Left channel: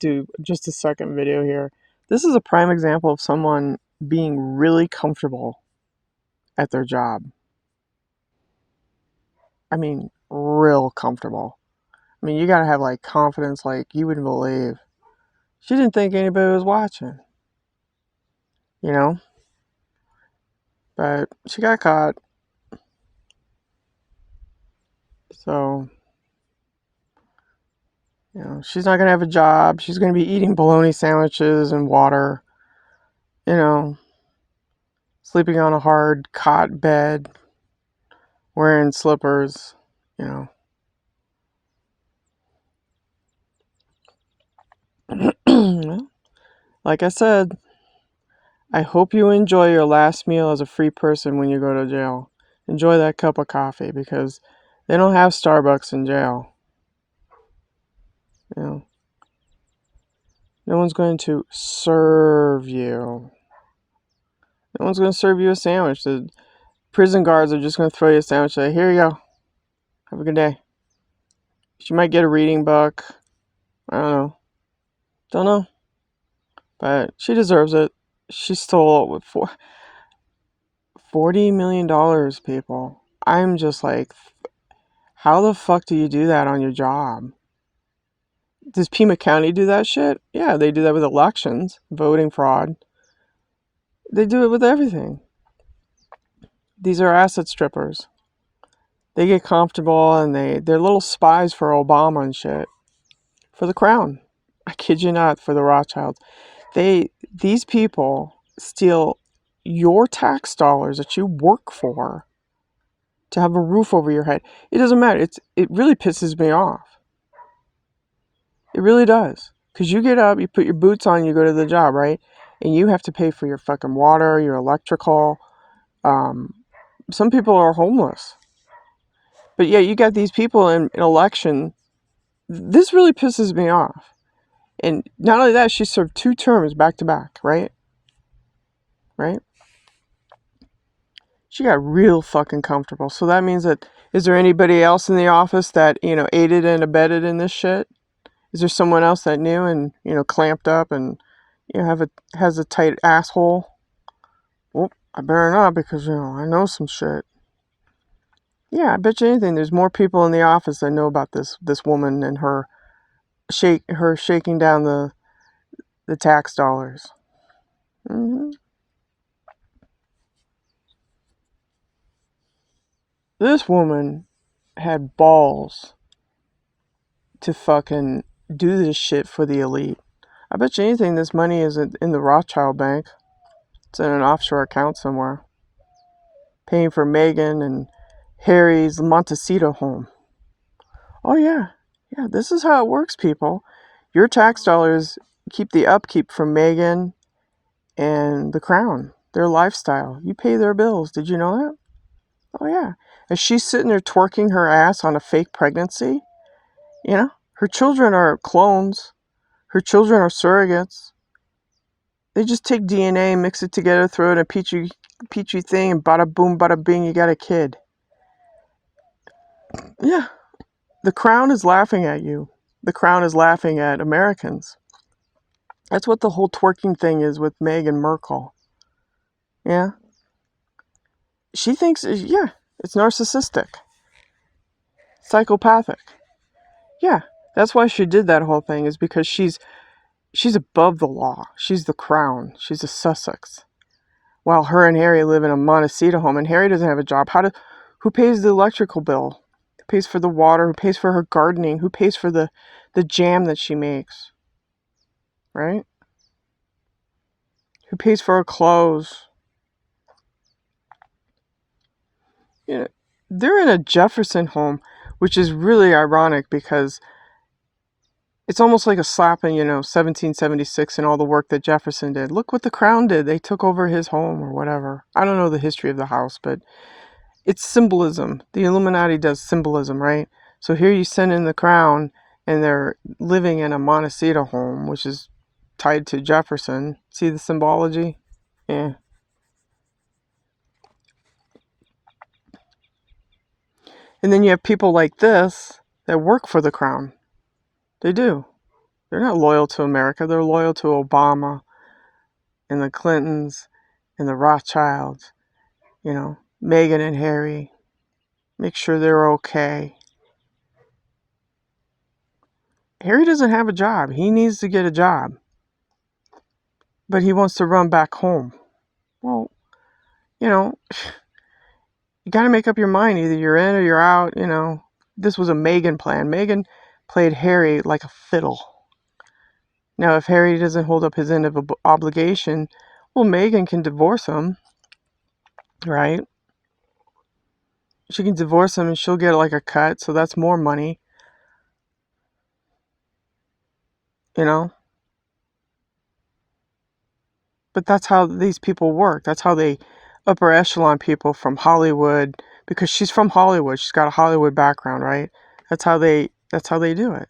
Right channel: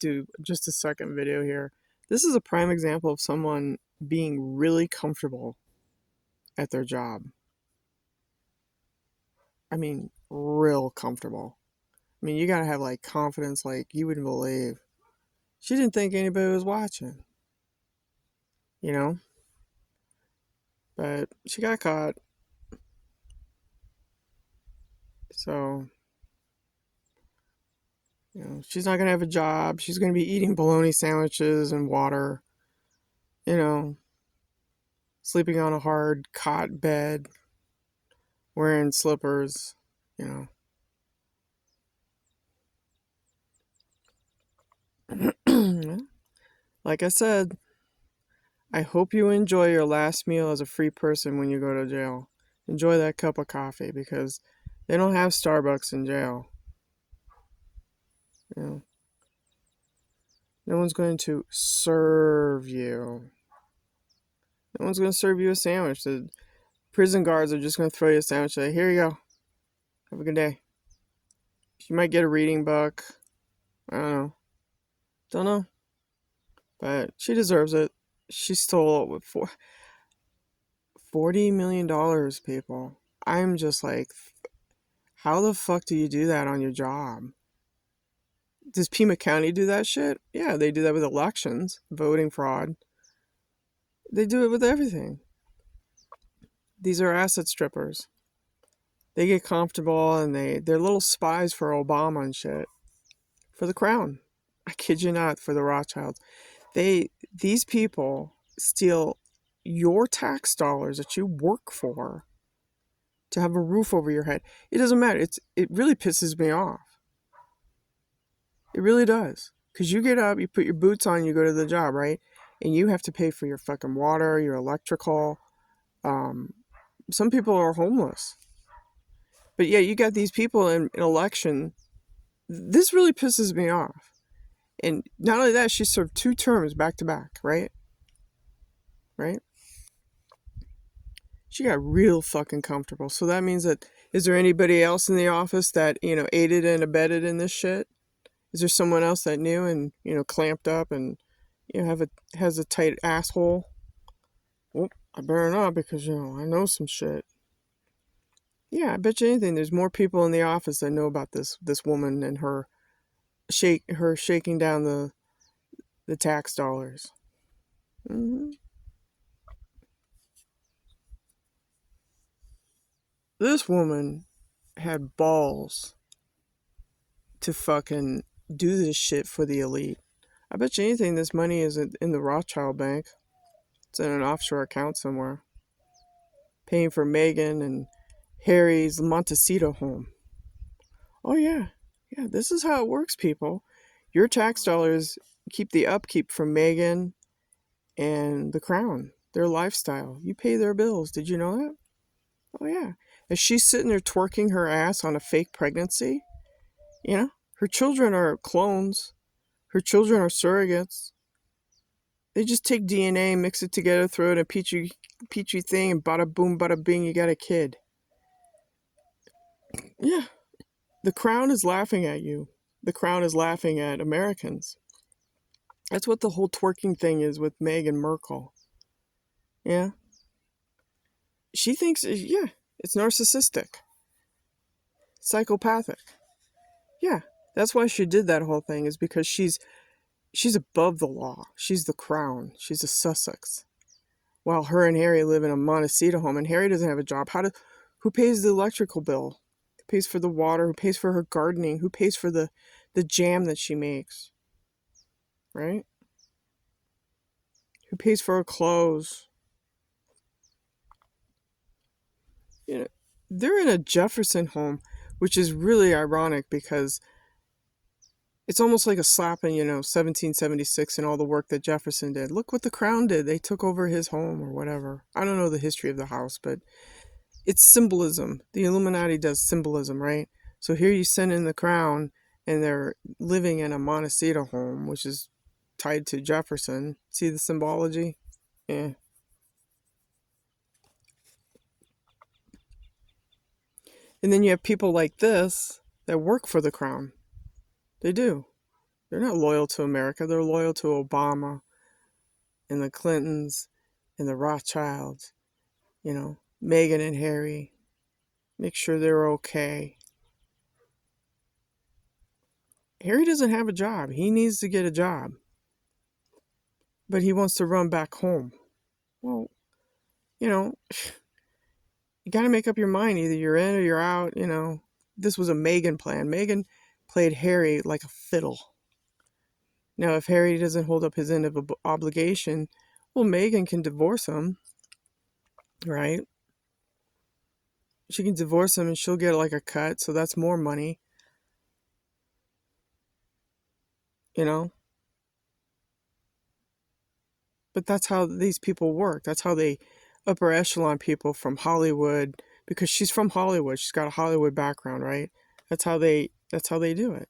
Do just a second video here. This is a prime example of someone being really comfortable at their job. I mean, real comfortable. I mean, you gotta have like confidence like you wouldn't believe. She didn't think anybody was watching, you know? But she got caught. So, she's not gonna have a job. She's gonna be eating bologna sandwiches and water, you know, sleeping on a hard cot bed, wearing slippers, you know. Like I said, I hope you enjoy your last meal as a free person when you go to jail. Enjoy that cup of coffee because they don't have Starbucks in jail. You know, no one's going to serve you. No one's going to serve you a sandwich. The prison guards are just going to throw you a sandwich. Like, here you go. Have a good day. She might get a reading book. I don't know. Don't know. But she deserves it. She stole it with $40 million, people. I'm just like, how the fuck do you do that on your job? Does Pima County do that shit? Yeah, they do that with elections, voting fraud. They do it with everything. These are asset strippers. They get comfortable and they're little spies for Obama and shit. For the crown. I kid you not, for the Rothschilds. These people steal your tax dollars that you work for to have a roof over your head. It doesn't matter. It really pisses me off. It really does. Because you get up, you put your boots on, you go to the job, right? And you have to pay for your fucking water, your electrical. Some people are homeless. But yeah, you got these people in election. This really pisses me off. And not only that, she served 2 terms back to back, right? Right? She got real fucking comfortable. So that means that, is there anybody else in the office that, aided and abetted in this shit? Is there someone else that knew and, clamped up and, has a tight asshole? Well, I better not because, I know some shit. Yeah, I bet you anything there's more people in the office that know about this woman and her shaking down the tax dollars. Mm-hmm. This woman had balls to fucking do this shit for the elite. I bet you anything this money isn't in the Rothschild Bank. It's in an offshore account somewhere. Paying for Meghan and Harry's Montecito home. Oh yeah. Yeah, this is how it works, people. Your tax dollars keep the upkeep from Meghan and the crown. Their lifestyle. You pay their bills. Did you know that? Oh yeah. Is she sitting there twerking her ass on a fake pregnancy? Her children are clones. Her children are surrogates. They just take DNA, mix it together, throw it in a petri thing, and bada boom, bada bing, you got a kid. Yeah. The crown is laughing at you. The crown is laughing at Americans. That's what the whole twerking thing is with Meghan Markle. Yeah. She thinks, yeah, it's narcissistic. Psychopathic. Yeah. That's why she did that whole thing, is because she's above the law. She's the crown. She's a Sussex. While her and Harry live in a Montecito home, and Harry doesn't have a job. Who pays the electrical bill? Who pays for the water? Who pays for her gardening? Who pays for the jam that she makes? Right? Who pays for her clothes? They're in a Jefferson home, which is really ironic because it's almost like a slap in, 1776 and all the work that Jefferson did. Look what the crown did. They took over his home or whatever. I don't know the history of the house, but it's symbolism. The Illuminati does symbolism, right? So here you send in the crown and they're living in a Montecito home, which is tied to Jefferson. See the symbology? Yeah. And then you have people like this that work for the crown. They do. They're not loyal to America. They're loyal to Obama and the Clintons and the Rothschilds, Meghan and Harry. Make sure they're okay. Harry doesn't have a job. He needs to get a job. But he wants to run back home. Well, you got to make up your mind. Either you're in or you're out. This was a Meghan plan. Meghan played Harry like a fiddle. Now, if Harry doesn't hold up his end of obligation, well, Meghan can divorce him, right? She can divorce him and she'll get like a cut, so that's more money. But that's how these people work. That's how they upper echelon people from Hollywood, because she's from Hollywood. She's got a Hollywood background, right? That's how they do it.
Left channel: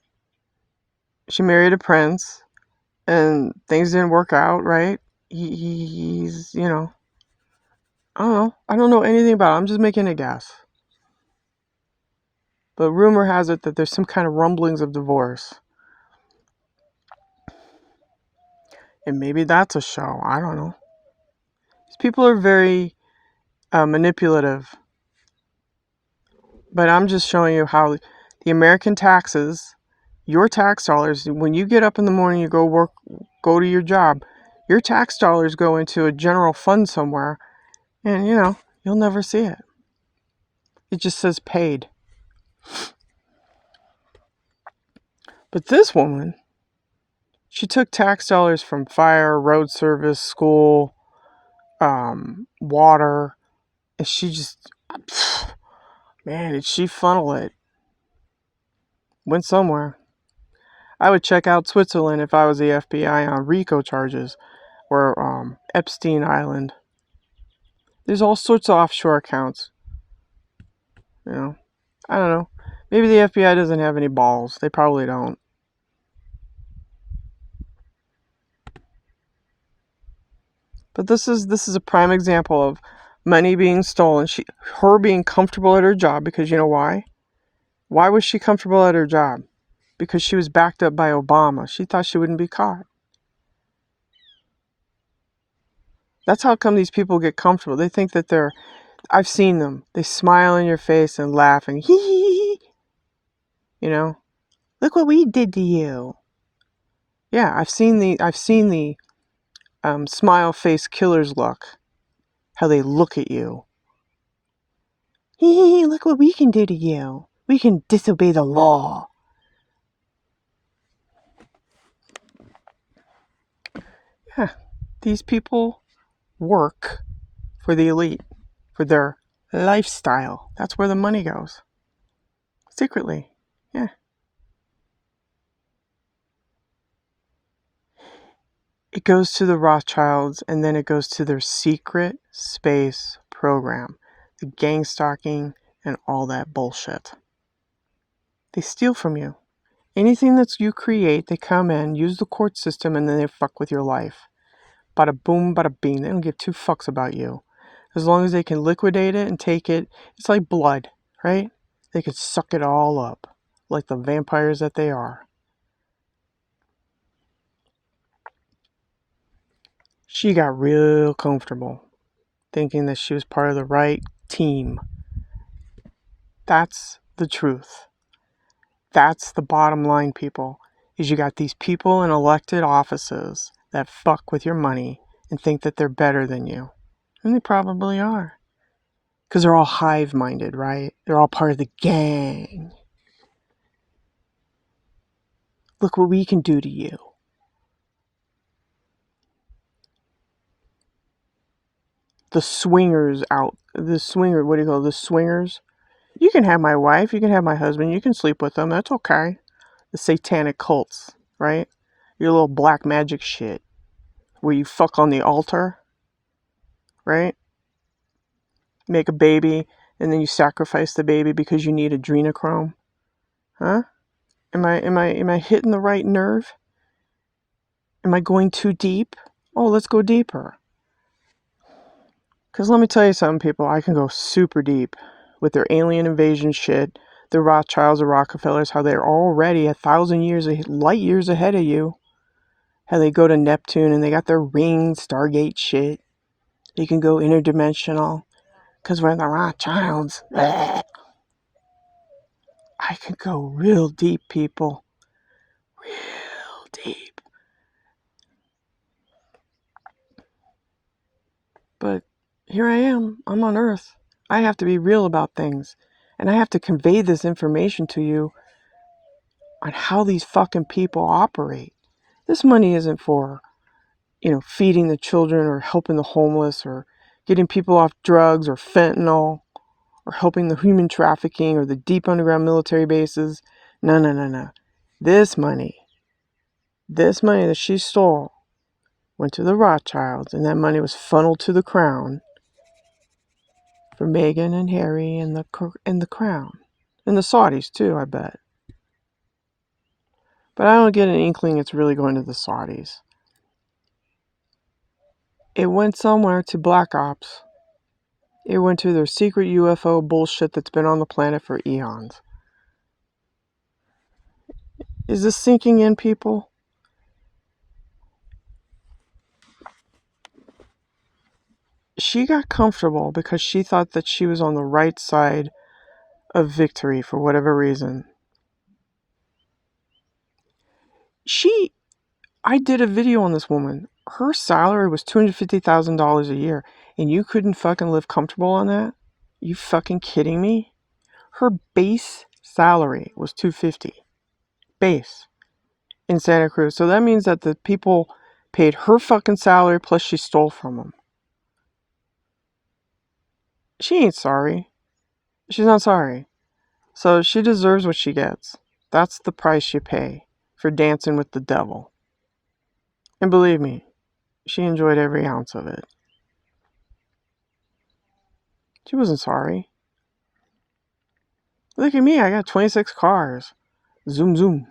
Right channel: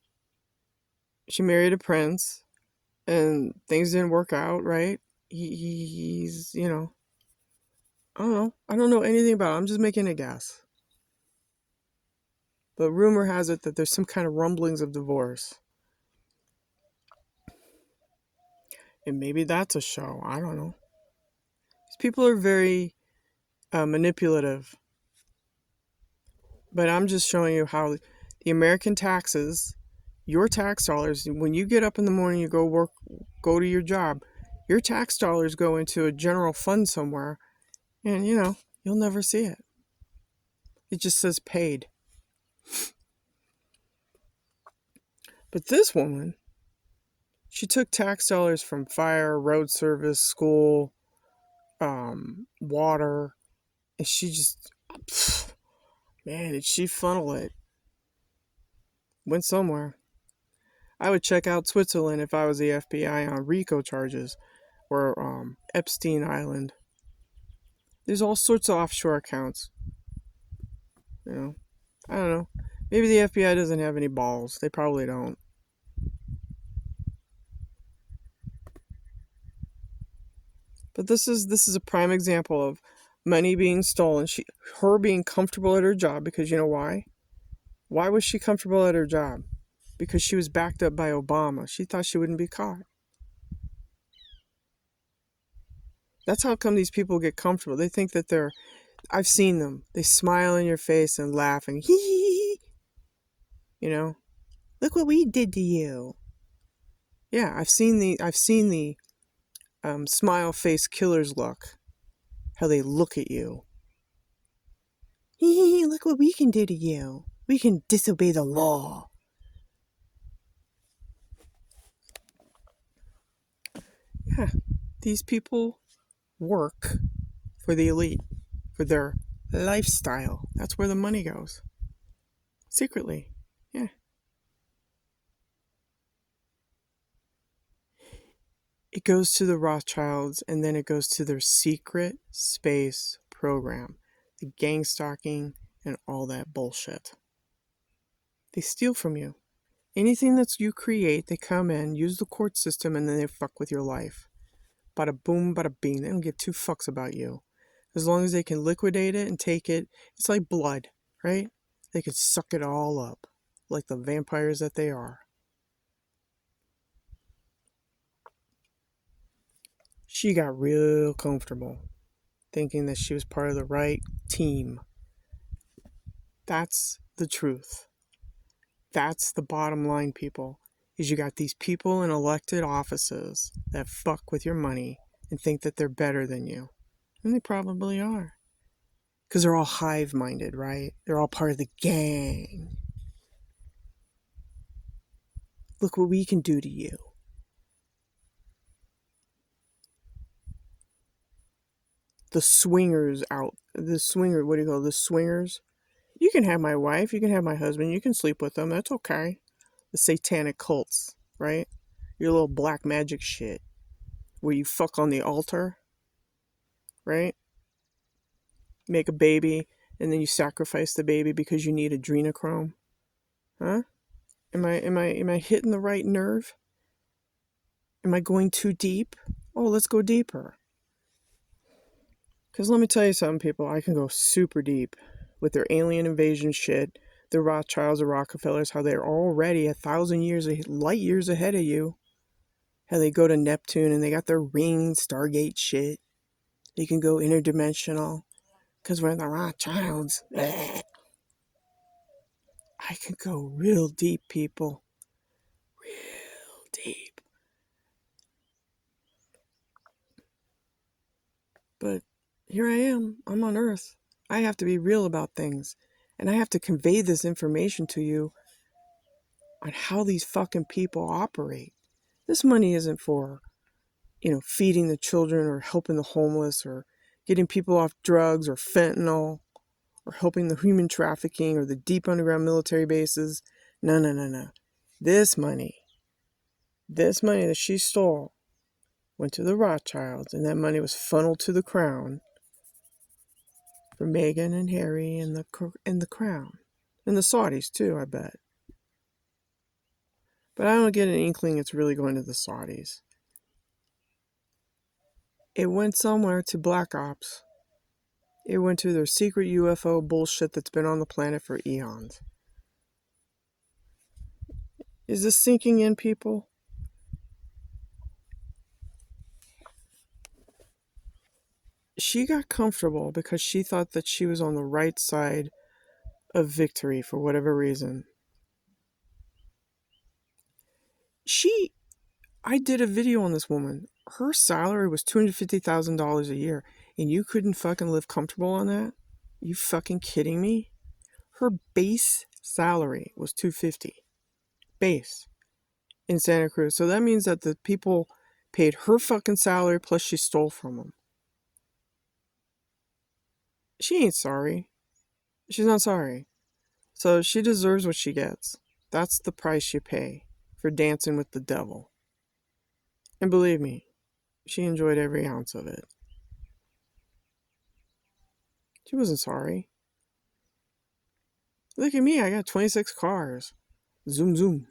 She married a prince and things didn't work out, right? He's, I don't know. I don't know anything about it. I'm just making a guess. But rumor has it that there's some kind of rumblings of divorce. And maybe that's a show. I don't know. These people are very manipulative. But I'm just showing you how the American taxes, your tax dollars, when you get up in the morning, you go to your job, your tax dollars go into a general fund somewhere, and you'll never see it. It just says paid. But this woman, she took tax dollars from fire, road service, school, water, and she just, man, did she funnel it? Went somewhere. I would check out Switzerland if I was the FBI on RICO charges, or Epstein Island. There's all sorts of offshore accounts. I don't know. Maybe the FBI doesn't have any balls. They probably don't. But this is a prime example of money being stolen. Her being comfortable at her job, because you know why? Why was she comfortable at her job? Because she was backed up by Obama. She thought she wouldn't be caught. That's how come these people get comfortable. They think that I've seen them. They smile in your face and laugh and hee hee hee. Look what we did to you. Yeah, I've seen the smile face killer's look. How they look at you. Hee, look what we can do to you. We can disobey the law. Yeah, these people work for the elite, for their lifestyle. That's where the money goes. Secretly, yeah. It goes to the Rothschilds, and then it goes to their secret space program, the gang stalking and all that bullshit. They steal from you. Anything that you create, they come in, use the court system, and then they fuck with your life. Bada boom, bada bing. They don't give two fucks about you. As long as they can liquidate it and take it, it's like blood, right? They could suck it all up, like the vampires that they are. She got real comfortable, thinking that she was part of the right team. That's the truth. That's the bottom line, people, is you got these people in elected offices that fuck with your money and think that they're better than you. And they probably are. Because they're all hive-minded, right? They're all part of the gang. Look what we can do to you. The swingers, what do you call it? The swingers? You can have my wife, you can have my husband, you can sleep with them, that's okay. The satanic cults, right? Your little black magic shit. Where you fuck on the altar, right? Make a baby, and then you sacrifice the baby because you need adrenochrome. Huh? Am I hitting the right nerve? Am I going too deep? Oh, let's go deeper. Because let me tell you something, people. I can go super deep with their alien invasion shit, the Rothschilds or Rockefellers, how they're already 1,000 light years ahead of you. How they go to Neptune and they got their ring, Stargate shit. They can go interdimensional. Because we're the Rothschilds. Bleh. I can go real deep, people. Real deep. But here I am. I'm on Earth. I have to be real about things. And I have to convey this information to you on how these fucking people operate. This money isn't for, feeding the children or helping the homeless or getting people off drugs or fentanyl or helping the human trafficking or the deep underground military bases. No. This money that she stole went to the Rothschilds, and that money was funneled to the crown for Meghan and Harry and the crown. And the Saudis too, I bet. But I don't get an inkling it's really going to the Saudis. It went somewhere to Black Ops. It went to their secret UFO bullshit that's been on the planet for eons. Is this sinking in, people? She got comfortable because she thought that she was on the right side of victory for whatever reason. I did a video on this woman. Her salary was $250,000 a year, and you couldn't fucking live comfortable on that? You fucking kidding me? Her base salary was $250,000. Base. In Santa Cruz. So that means that the people paid her fucking salary plus she stole from them. She ain't sorry. She's not sorry. So she deserves what she gets. That's the price you pay for dancing with the devil. And believe me, she enjoyed every ounce of it. She wasn't sorry. Look at me, I got 26 cars. Zoom, zoom.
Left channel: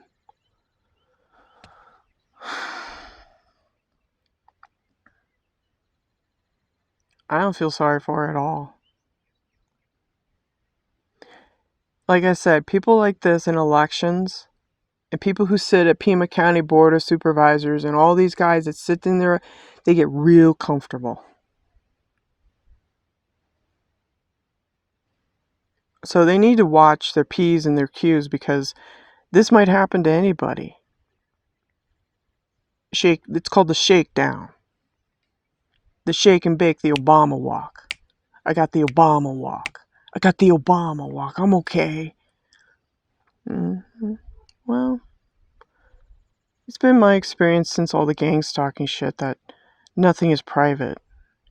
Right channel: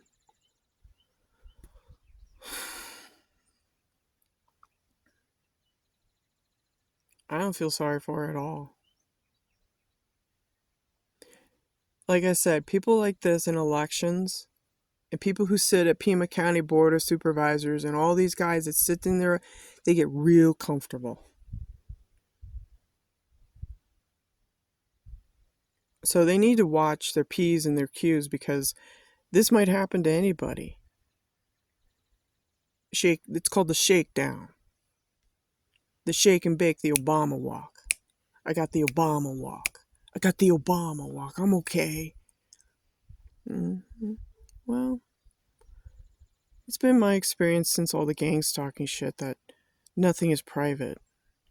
I don't feel sorry for her at all. Like I said, people like this in elections, and people who sit at Pima County Board of Supervisors, and all these guys that sit in there, they get real comfortable. So they need to watch their P's and their Q's, because this might happen to anybody. It's called the shakedown. The shake and bake, the Obama walk. I got the Obama walk. I got the Obama walk. I'm okay. Well, it's been my experience since all the gang stalking shit that nothing is private.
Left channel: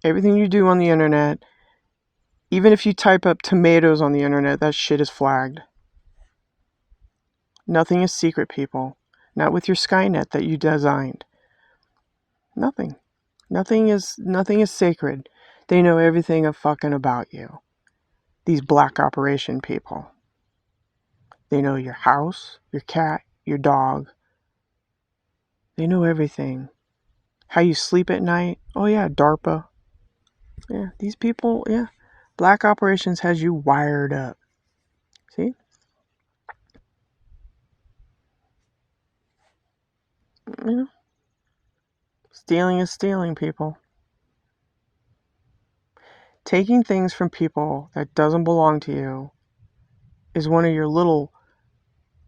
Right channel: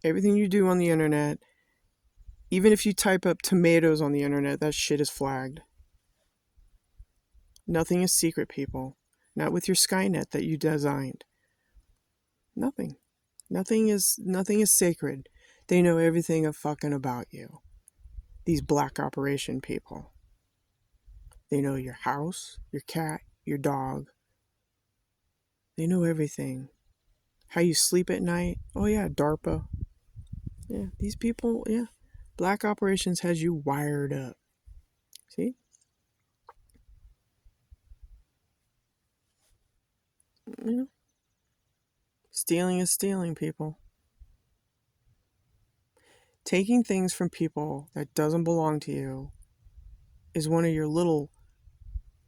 Everything you do on the internet, even if you type up tomatoes on the internet, that shit is flagged. Nothing is secret, people. Not with your Skynet that you designed. Nothing. Nothing is sacred. They know everything fucking about you. These black operation people. They know your house, your cat, your dog. They know everything. How you sleep at night. Oh yeah, DARPA. Yeah, these people, yeah. Black operations has you wired up. See? Yeah. Stealing is stealing, people. Taking things from people that doesn't belong to you is one of your little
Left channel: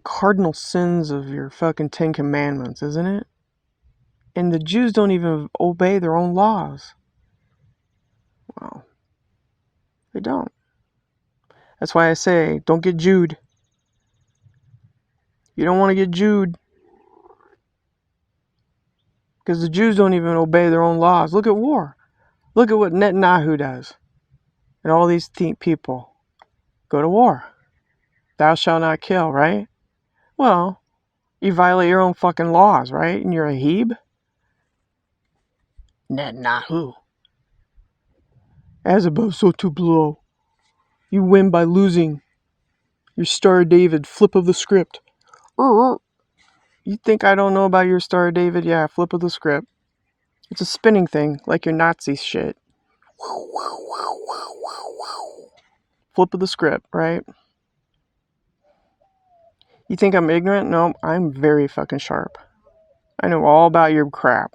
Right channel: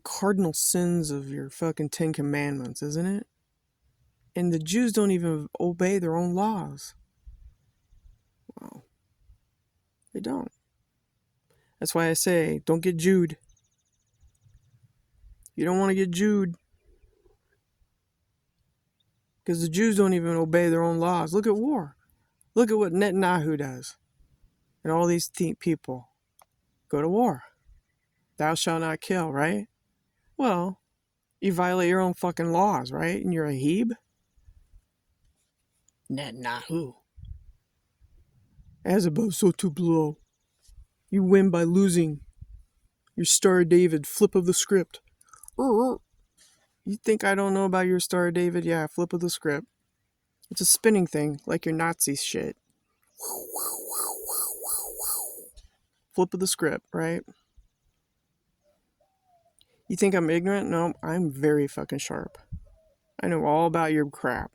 cardinal sins of your fucking 10 Commandments, isn't it? And the Jews don't even obey their own laws. Well, they don't. That's why I say, don't get Jewed. You don't want to get Jewed. Because the Jews don't even obey their own laws. Look at war. Look at what Netanyahu does. And all these people go to war. Thou shalt not kill, right? Well, you violate your own fucking laws, right? And you're a Heb? Netanyahu. As above, so too below. You win by losing. Your Star of David, flip of the script. You think I don't know about your Star of David? Yeah, flip of the script. It's a spinning thing, like your Nazi shit. Flip of the script, right? You think I'm ignorant? No, I'm very fucking sharp. I know all about your crap.